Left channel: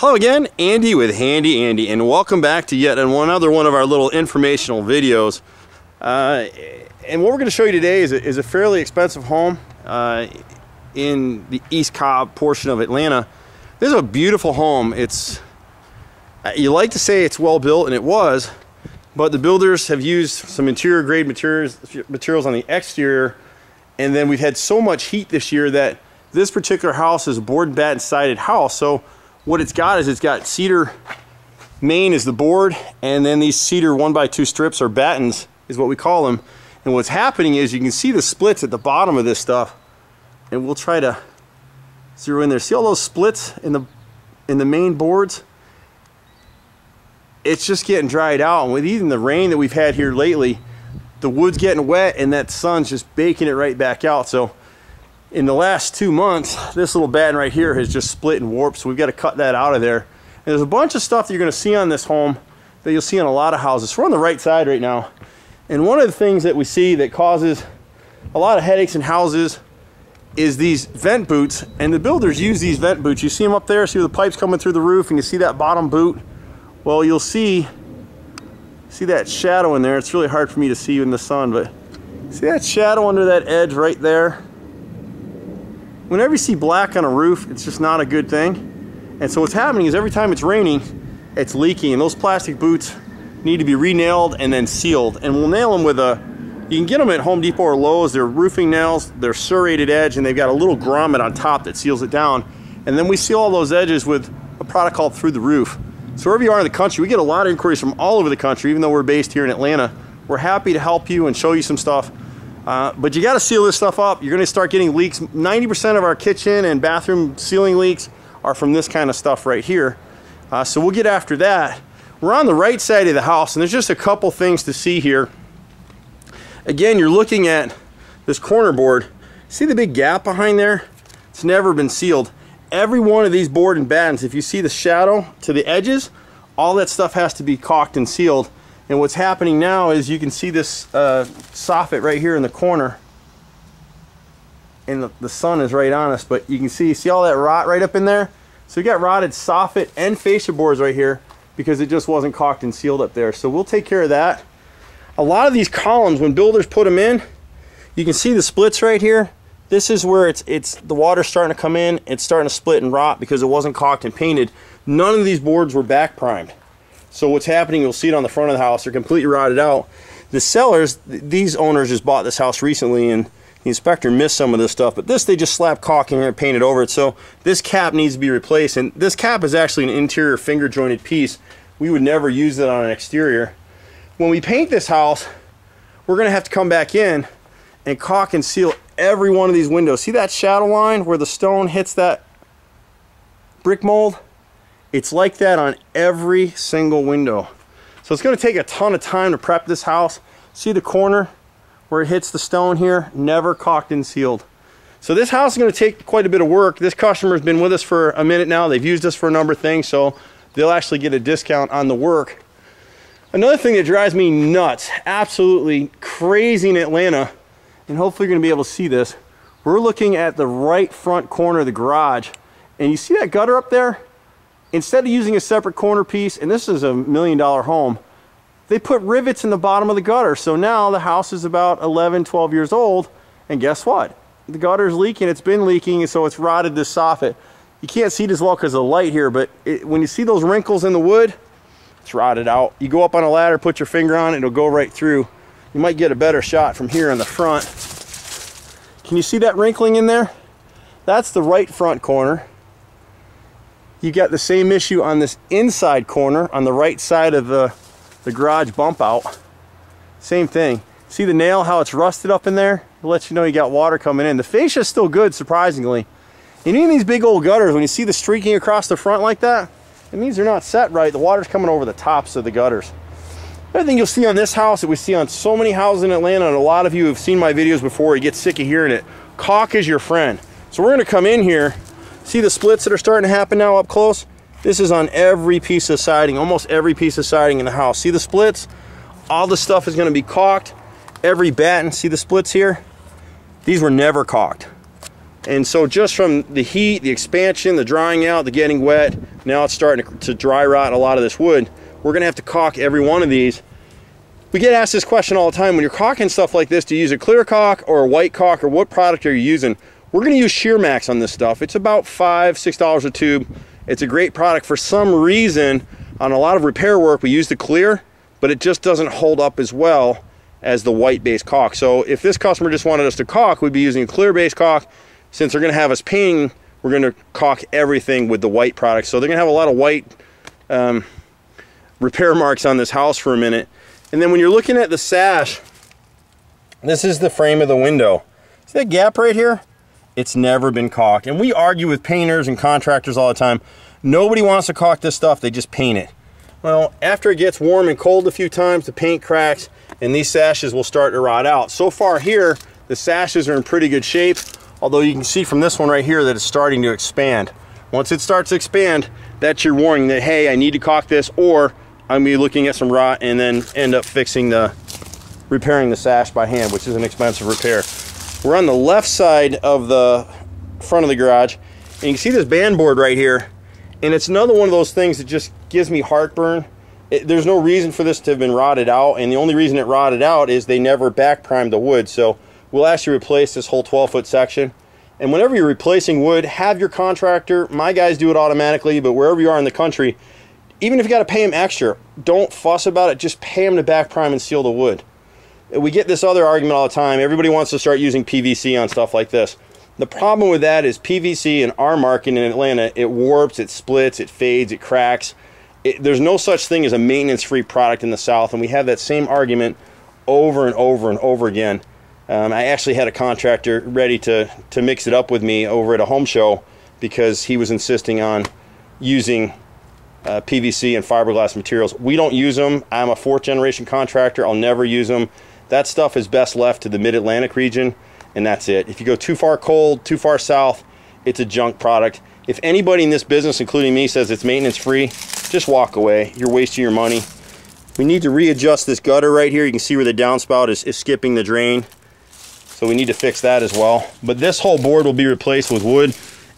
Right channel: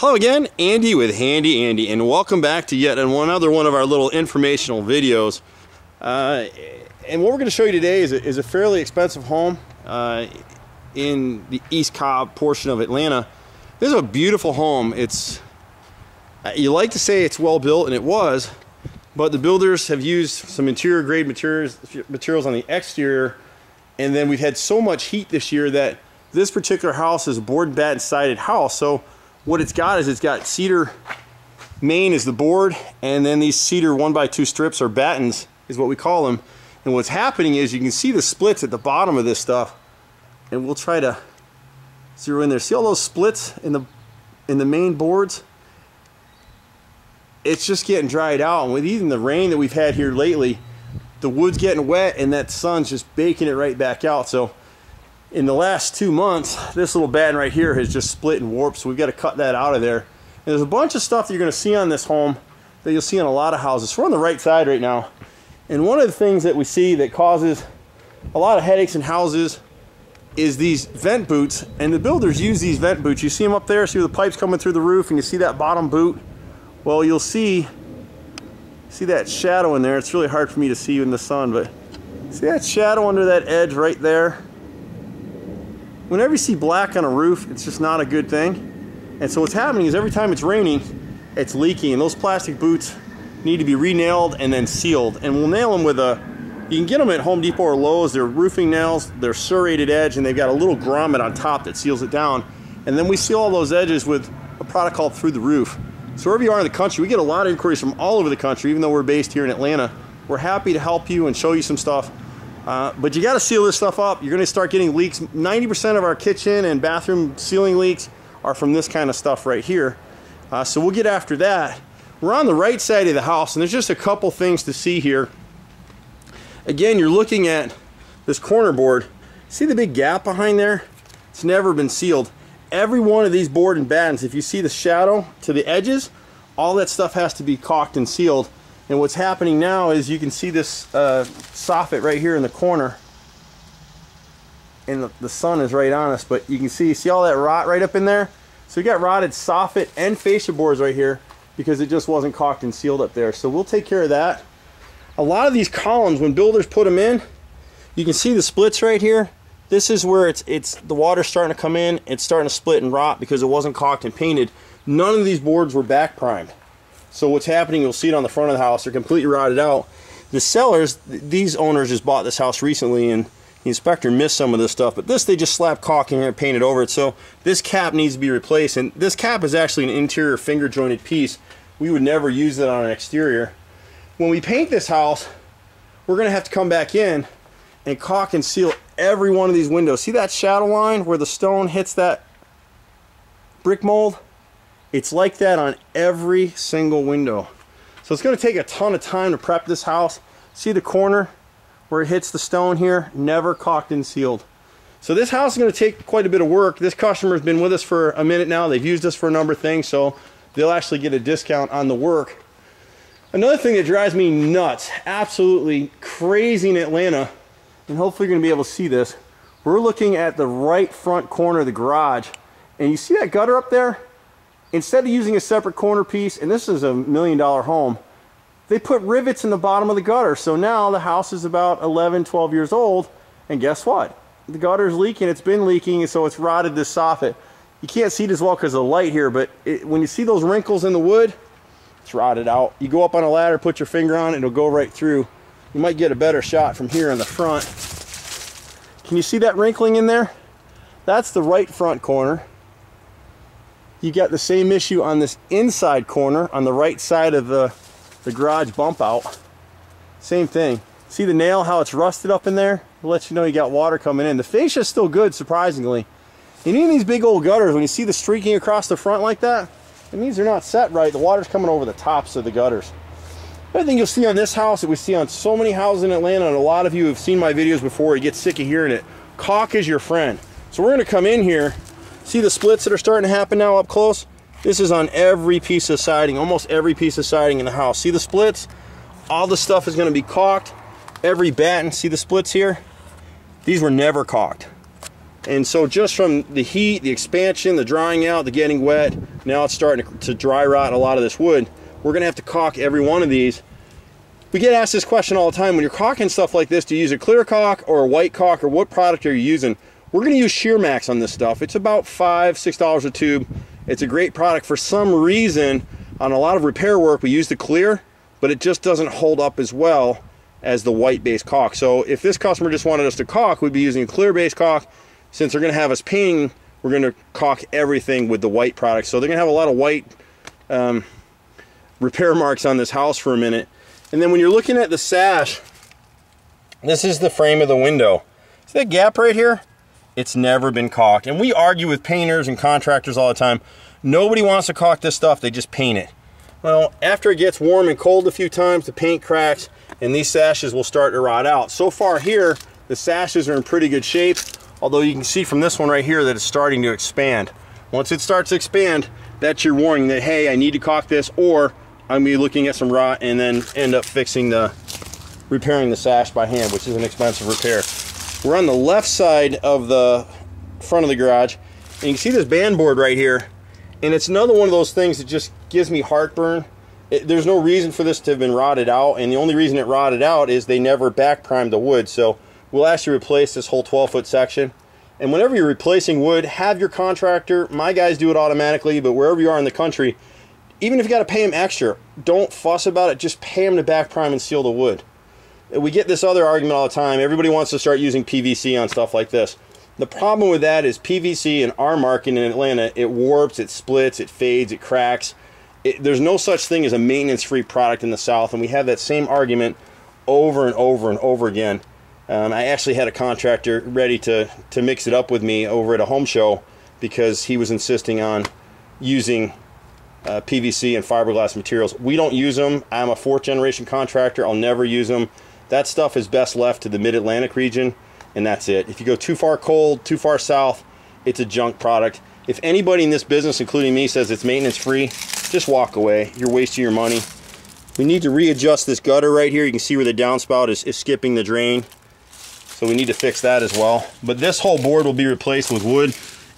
Hello again, Andy with Handy Andy, and welcome back to yet another one of our little informational videos. And what we're going to show you today is a fairly expensive home in the East Cobb portion of Atlanta. This is a beautiful home. You like to say it's well built, and it was, but the builders have used some interior grade materials on the exterior, and then we've had so much heat this year that this particular house is a board and batten sided house. So what it's got is it's got cedar main is the board, and then these cedar 1x2 strips or battens is what we call them. And what's happening is you can see the splits at the bottom of this stuff, and we'll try to zero in there. See all those splits in the main boards? It's just getting dried out, and with even the rain that we've had here lately, the wood's getting wet and that sun's just baking it right back out. So in the last 2 months, this little batten right here has just split and warped, so we've got to cut that out of there. And there's a bunch of stuff that you're going to see on this home that you'll see on a lot of houses. So we're on the right side right now, and one of the things that we see that causes a lot of headaches in houses is these vent boots, and the builders use these vent boots. You see them up there, see the pipes coming through the roof, and you see that bottom boot. Well, you'll see that shadow in there. It's really hard for me to see in the sun, but see that shadow under that edge right there? Whenever you see black on a roof, it's just not a good thing. And so what's happening is every time it's raining, it's leaking, and those plastic boots need to be re-nailed and then sealed. And we'll nail them with you can get them at Home Depot or Lowe's. They're roofing nails, they're serrated edge, and they've got a little grommet on top that seals it down. And then we seal all those edges with a product called Through the Roof. So wherever you are in the country, we get a lot of inquiries from all over the country, even though we're based here in Atlanta. We're happy to help you and show you some stuff. But you got to seal this stuff up. You're going to start getting leaks. 90% of our kitchen and bathroom ceiling leaks are from this kind of stuff right here. So we'll get after that. We're on the right side of the house, and there's just a couple things to see here. Again, you're looking at this corner board. See the big gap behind there? It's never been sealed. Every one of these board and battens, if you see the shadow to the edges, all that stuff has to be caulked and sealed. And what's happening now is you can see this soffit right here in the corner, and the sun is right on us, but you can see all that rot right up in there? So you got rotted soffit and fascia boards right here because it just wasn't caulked and sealed up there. So we'll take care of that. A lot of these columns, when builders put them in, you can see the splits right here. This is where the water's starting to come in. It's starting to split and rot because it wasn't caulked and painted. None of these boards were back primed. So what's happening, you'll see it on the front of the house, they're completely rotted out. The sellers, these owners just bought this house recently, and the inspector missed some of this stuff, but this they just slapped caulk in here and painted over it. So this cap needs to be replaced, and this cap is actually an interior finger jointed piece. We would never use it on an exterior. When we paint this house, we're going to have to come back in and caulk and seal every one of these windows. See that shadow line where the stone hits that brick mold? It's like that on every single window. So it's going to take a ton of time to prep this house. See the corner where it hits the stone here? Never caulked and sealed. So this house is going to take quite a bit of work. This customer's been with us for a minute now. They've used us for a number of things, so they'll actually get a discount on the work. Another thing that drives me nuts, absolutely crazy in Atlanta, and hopefully you're going to be able to see this, we're looking at the right front corner of the garage, and you see that gutter up there? Instead of using a separate corner piece, and this is $1 million home, they put rivets in the bottom of the gutter. So now the house is about 11, 12 years old, and guess what? The gutter's leaking. It's been leaking, and so it's rotted this soffit. You can't see it as well because of the light here, but when you see those wrinkles in the wood, it's rotted out. You go up on a ladder, put your finger on it, it'll go right through. You might get a better shot from here in the front. Can you see that wrinkling in there? That's the right front corner. You got the same issue on this inside corner on the right side of the garage bump out. Same thing. See the nail, how it's rusted up in there? It lets you know you got water coming in. The fascia is still good, surprisingly. And even these big old gutters, when you see the streaking across the front like that, it means they're not set right. The water's coming over the tops of the gutters. Another thing you'll see on this house that we see on so many houses in Atlanta, and a lot of you have seen my videos before, you get sick of hearing it, caulk is your friend. So we're going to come in here. See the splits that are starting to happen now up close? This is on every piece of siding, almost every piece of siding in the house. See the splits? All the stuff is going to be caulked. Every batten, see the splits here? These were never caulked. And so just from the heat, the expansion, the drying out, the getting wet, Now it's starting to dry rot a lot of this wood. We're gonna have to caulk every one of these. We get asked this question all the time. When you're caulking stuff like this, do you use a clear caulk or a white caulk, or what product are you using? We're gonna use Sheer Max on this stuff. It's about $5, $6 a tube. It's a great product. For some reason, on a lot of repair work, we use the clear, but it just doesn't hold up as well as the white base caulk. So if this customer just wanted us to caulk, we'd be using a clear base caulk. Since they're gonna have us painting, we're gonna caulk everything with the white product. So they're gonna have a lot of white repair marks on this house for a minute. And then when you're looking at the sash, this is the frame of the window. See that gap right here? It's never been caulked. And we argue with painters and contractors all the time. Nobody wants to caulk this stuff, they just paint it. Well, after it gets warm and cold a few times, the paint cracks and these sashes will start to rot out. So far here, the sashes are in pretty good shape, although you can see from this one right here that it's starting to expand. Once it starts to expand, that's your warning that, hey, I need to caulk this, or I'm gonna be looking at some rot and then end up repairing the sash by hand, which is an expensive repair. We're on the left side of the front of the garage, and you can see this band board right here, and it's another one of those things that just gives me heartburn. There's no reason for this to have been rotted out, and the only reason it rotted out is they never back primed the wood. So we'll actually replace this whole 12-foot section. And whenever you're replacing wood, have your contractor, my guys do it automatically, but wherever you are in the country, even if you got to pay them extra, don't fuss about it. Just pay them to back prime and seal the wood. We get this other argument all the time. Everybody wants to start using PVC on stuff like this. The problem with that is PVC in our market in Atlanta, it warps, it splits, it fades, it cracks. There's no such thing as a maintenance-free product in the South, and we have that same argument over and over and over again. I actually had a contractor ready to mix it up with me over at a home show because he was insisting on using PVC and fiberglass materials. We don't use them. I'm a 4th generation contractor. I'll never use them. That stuff is best left to the mid-Atlantic region, and that's it. If you go too far cold, too far south, it's a junk product. If anybody in this business, including me, says it's maintenance free, just walk away. You're wasting your money. We need to readjust this gutter right here. You can see where the downspout is skipping the drain. So we need to fix that as well. But this whole board will be replaced with wood.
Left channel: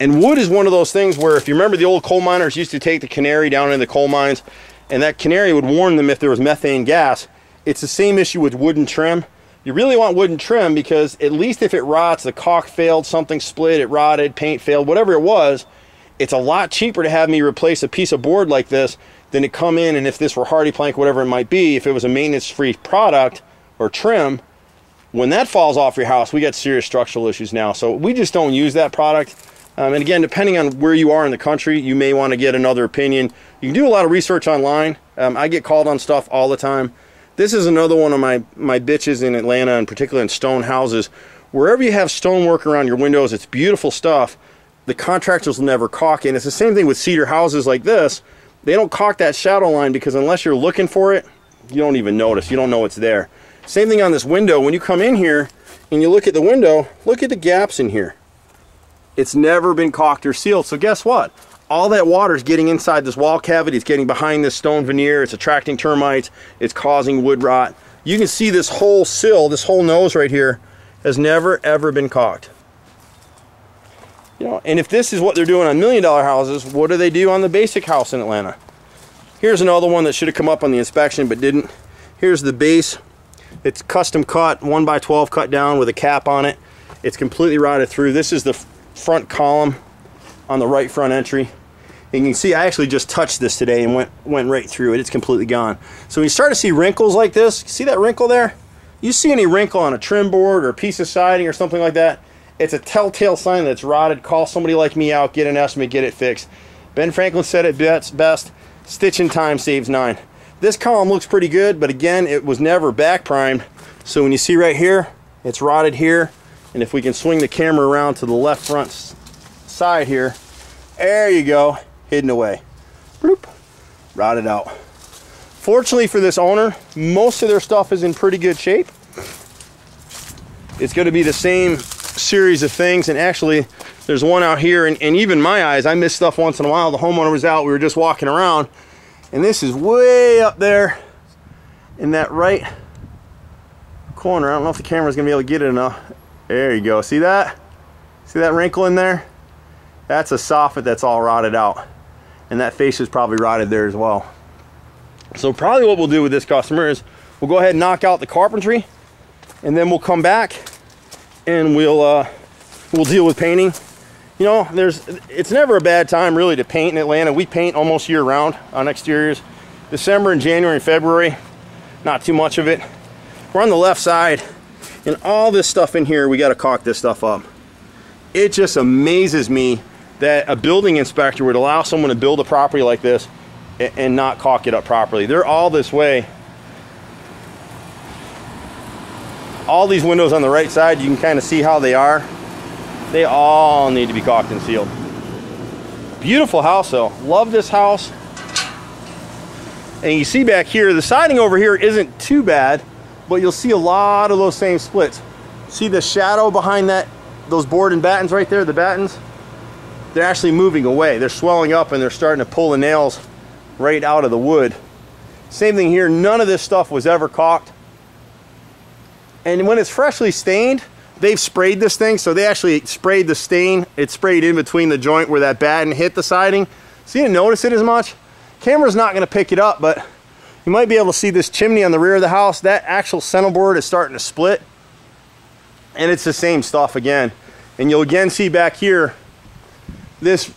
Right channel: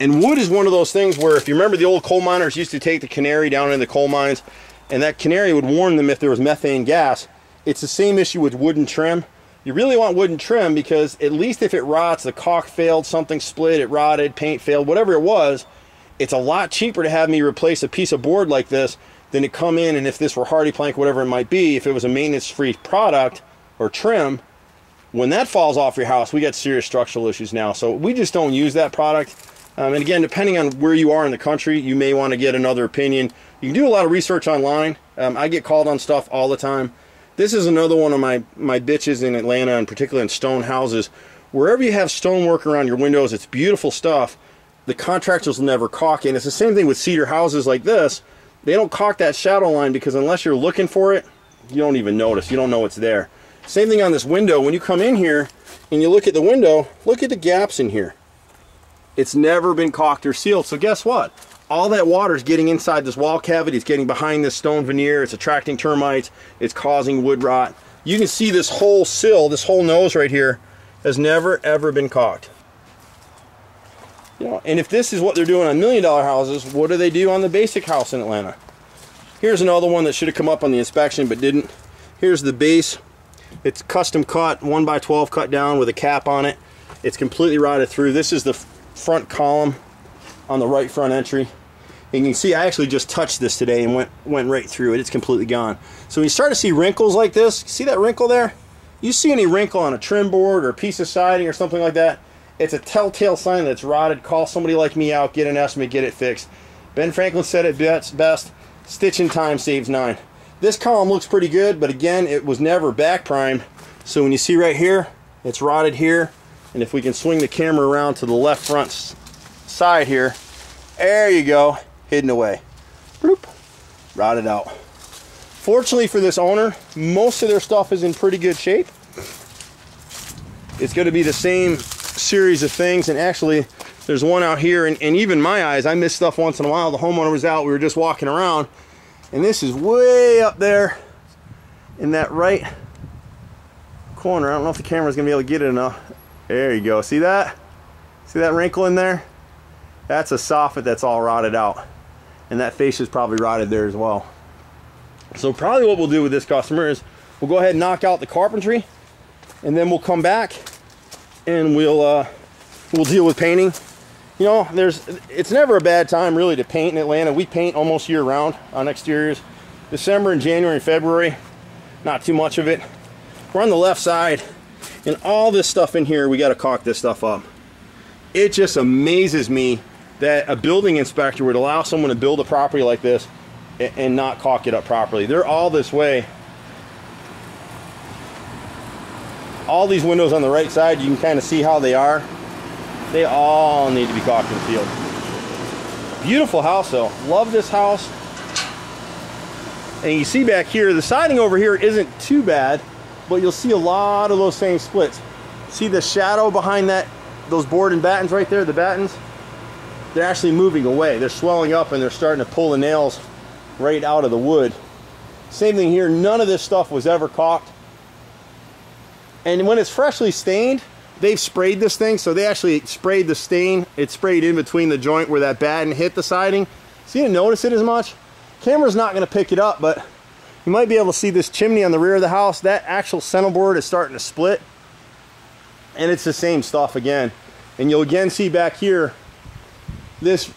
And wood is one of those things where, if you remember, the old coal miners used to take the canary down into the coal mines, and that canary would warn them if there was methane gas. It's the same issue with wooden trim. You really want wooden trim because at least if it rots, the caulk failed, something split, it rotted, paint failed, whatever it was, it's a lot cheaper to have me replace a piece of board like this than to come in, and if this were hardy plank, whatever it might be, if it was a maintenance-free product or trim, when that falls off your house, we got serious structural issues now. So we just don't use that product. And again, depending on where you are in the country, you may want to get another opinion. You can do a lot of research online. I get called on stuff all the time. This is another one of my bitches in Atlanta, and particularly in stone houses. Wherever you have stonework around your windows, it's beautiful stuff. The contractors will never caulk it. And it's the same thing with cedar houses like this. They don't caulk that shadow line because unless you're looking for it, you don't even notice. You don't know it's there. Same thing on this window. When you come in here and you look at the window, look at the gaps in here. It's never been caulked or sealed. So guess what? All that water is getting inside this wall cavity. It's getting behind this stone veneer. It's attracting termites. It's causing wood rot. You can see this whole sill, this whole nose right here, has never ever been caulked. You know, and if this is what they're doing on $1 million houses, what do they do on the basic house in Atlanta? Here's another one that should have come up on the inspection but didn't. Here's the base. It's custom cut, 1x12 cut down with a cap on it. It's completely rotted through. This is the front column on the right front entry. And you can see I actually just touched this today and went right through it. It's completely gone. So when you start to see wrinkles like this, see that wrinkle there? You see any wrinkle on a trim board or a piece of siding or something like that, it's a telltale sign that it's rotted. Call somebody like me out, get an estimate, get it fixed. Ben Franklin said it best, stitching time saves 9. This column looks pretty good, but again, it was never back primed. So when you see right here, it's rotted here. And if we can swing the camera around to the left front side here, there you go, hidden away. Bloop, rotted out. Fortunately for this owner, most of their stuff is in pretty good shape. It's going to be the same series of things, and actually there's one out here, and even my eyes, I miss stuff once in a while. The homeowner was out, we were just walking around, and this is way up there in that right corner. I don't know if the camera's gonna be able to get it enough. There you go, see that? See that wrinkle in there? That's a soffit that's all rotted out. and that fascia is probably rotted there as well. So probably what we'll do with this customer is we'll go ahead and knock out the carpentry, and then we'll come back and we'll deal with painting. You know, it's never a bad time really to paint in Atlanta. We paint almost year round on exteriors. December and January and February, not too much of it. We're on the left side, and all this stuff in here, we got to caulk this stuff up. It just amazes me that a building inspector would allow someone to build a property like this and not caulk it up properly. They're all this way. All these windows on the right side, you can kind of see how they are. They all need to be caulked and sealed. Beautiful house though. Love this house. And you see back here, the siding over here isn't too bad, but you'll see a lot of those same splits. See the shadow behind those board and battens right there, the battens? They're actually moving away. They're swelling up and they're starting to pull the nails right out of the wood. Same thing here, none of this stuff was ever caulked. And when it's freshly stained, they've sprayed this thing, so they actually sprayed the stain. It sprayed in between the joint where that batten hit the siding. So you didn't notice it as much. Camera's not gonna pick it up, but you might be able to see this chimney on the rear of the house. That actual center board is starting to split. And it's the same stuff again. And you'll again see back here, this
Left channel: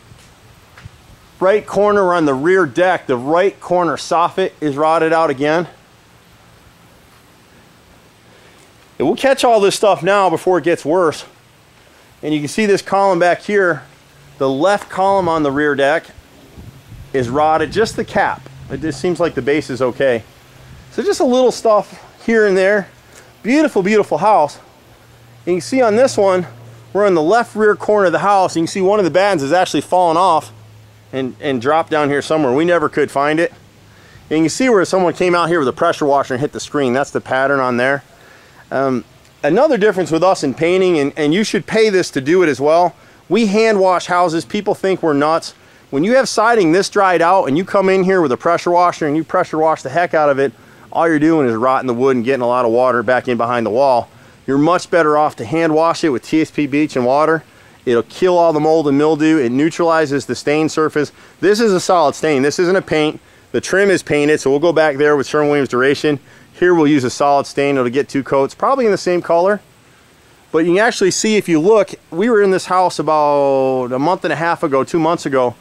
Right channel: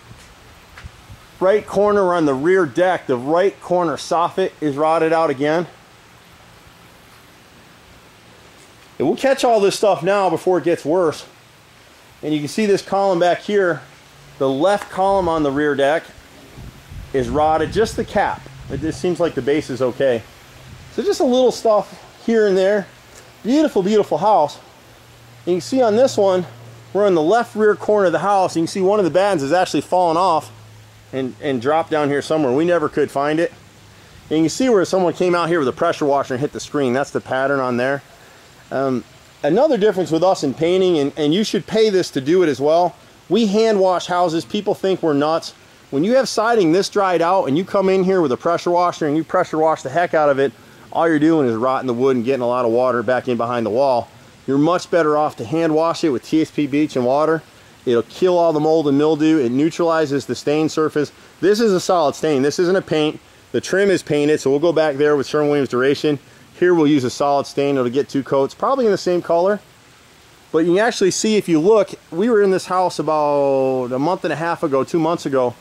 right corner on the rear deck, the right corner soffit is rotted out again. And we'll catch all this stuff now before it gets worse. And you can see this column back here, the left column on the rear deck is rotted, just the cap. It just seems like the base is okay. So just a little stuff here and there. Beautiful, beautiful house. And you can see on this one, we're in the left rear corner of the house. You can see one of the battens has actually fallen off and dropped down here somewhere. We never could find it. And you can see where someone came out here with a pressure washer and hit the screen. That's the pattern on there. Another difference with us in painting, and you should pay this to do it as well, we hand wash houses. People think we're nuts. When you have siding this dried out and you come in here with a pressure washer and you pressure wash the heck out of it, all you're doing is rotting the wood and getting a lot of water back in behind the wall. You're much better off to hand wash it with TSP bleach and water. It'll kill all the mold and mildew. It neutralizes the stain surface. This is a solid stain. This isn't a paint. The trim is painted, so we'll go back there with Sherwin-Williams Duration. Here we'll use a solid stain. It'll get 2 coats, probably in the same color. But you can actually see, if you look, we were in this house about a month and a half ago, 2 months ago,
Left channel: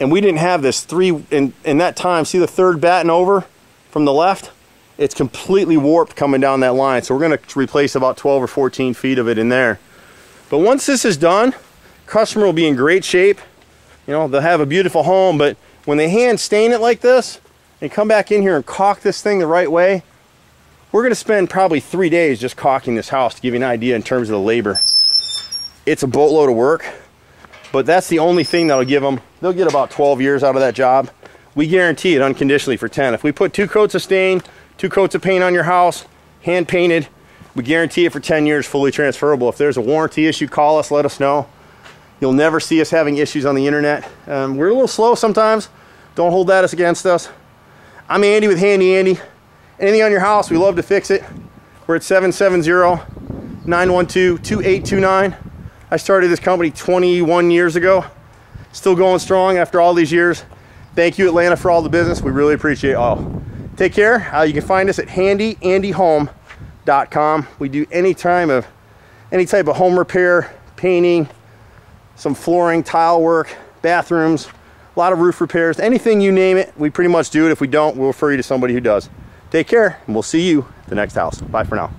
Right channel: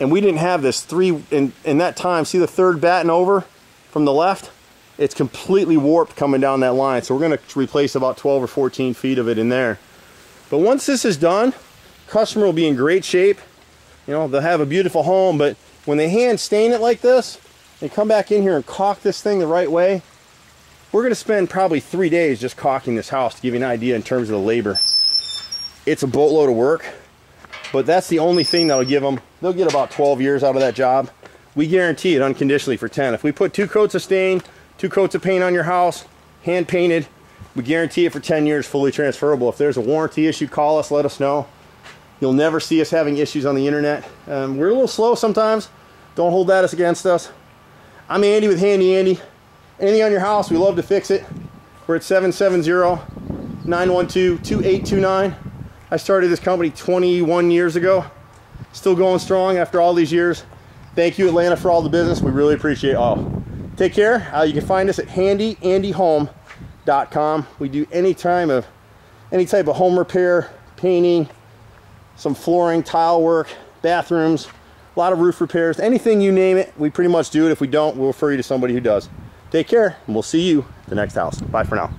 and we didn't have this in that time. See the third batten over from the left? It's completely warped coming down that line. So we're gonna replace about 12 or 14 feet of it in there. But once this is done, customer will be in great shape. You know, they'll have a beautiful home, but when they hand stain it like this and come back in here and caulk this thing the right way, we're gonna spend probably 3 days just caulking this house to give you an idea in terms of the labor. It's a boatload of work, but that's the only thing that'll give them, they'll get about 12 years out of that job. We guarantee it unconditionally for 10. If we put 2 coats of stain, 2 coats of paint on your house, hand painted, we guarantee it for 10 years, fully transferable. If there's a warranty issue, call us, let us know. You'll never see us having issues on the internet. We're a little slow sometimes. Don't hold that against us. I'm Andy with Handy Andy. Anything on your house, we love to fix it. We're at 770-912-2829. I started this company 21 years ago. Still going strong after all these years. Thank you, Atlanta, for all the business. We really appreciate it all. Take care. You can find us at handyandyhome.com. We do any type of home repair, painting, some flooring, tile work, bathrooms, a lot of roof repairs, anything you name it, we pretty much do it. If we don't, we'll refer you to somebody who does. Take care, and we'll see you at the next house. Bye for now.